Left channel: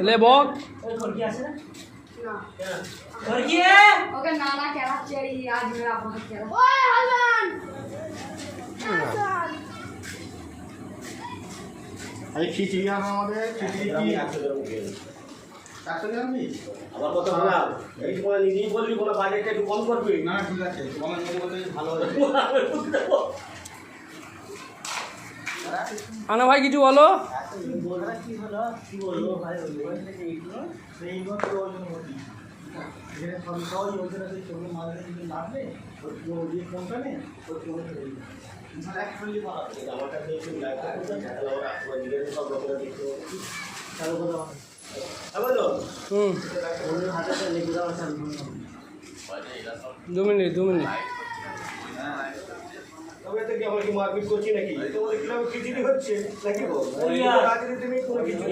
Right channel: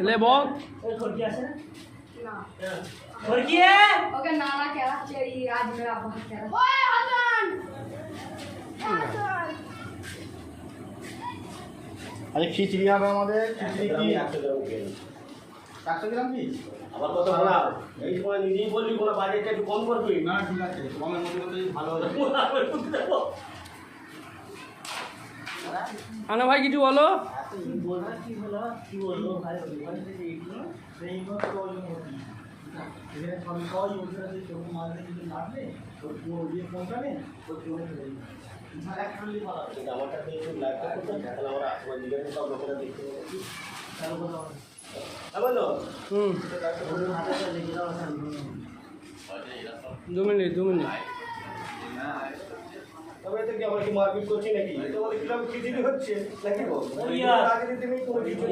ले बहुत ओके नाना खेला चाहिए आज मेरा बहुत खेला ओए हसन আরে খিচড়ি হবে আমাদের খিচড়ি কি কাটতে আমি আবার কথা শোনা এই সময় নিজেই বলবি কোনো বাজেটটা একটু কম করবি না ঠিক আছে কমের মধ্যে মধ্যে ভালো হবে আনা ভাই কিছু বলো কি হলো কি বলবো ভাই এইগুলো সেইগুলো তো এখানে সব সবাই ওদের আছে সবুজ মাঝে কিছু লাগবে ওই যে কোনটা নেই ওই কোনটা নেই অ্যাকচুয়ালি ভালো আমারটা দিয়ে একটু লাইভ করতে তাহলে ওরা নিজের সব লোকেরা দেখতে পাবে চালু করো হ্যালো ওদের হাতে লেগে যাওয়া চালু 2 মিনিট তবে তো কি আমার কি মারপিট করছি নাকি তো বলে কিরকম খিচুড়ি হচ্ছে নাকি রাজনীতি নেই কোনো কিছু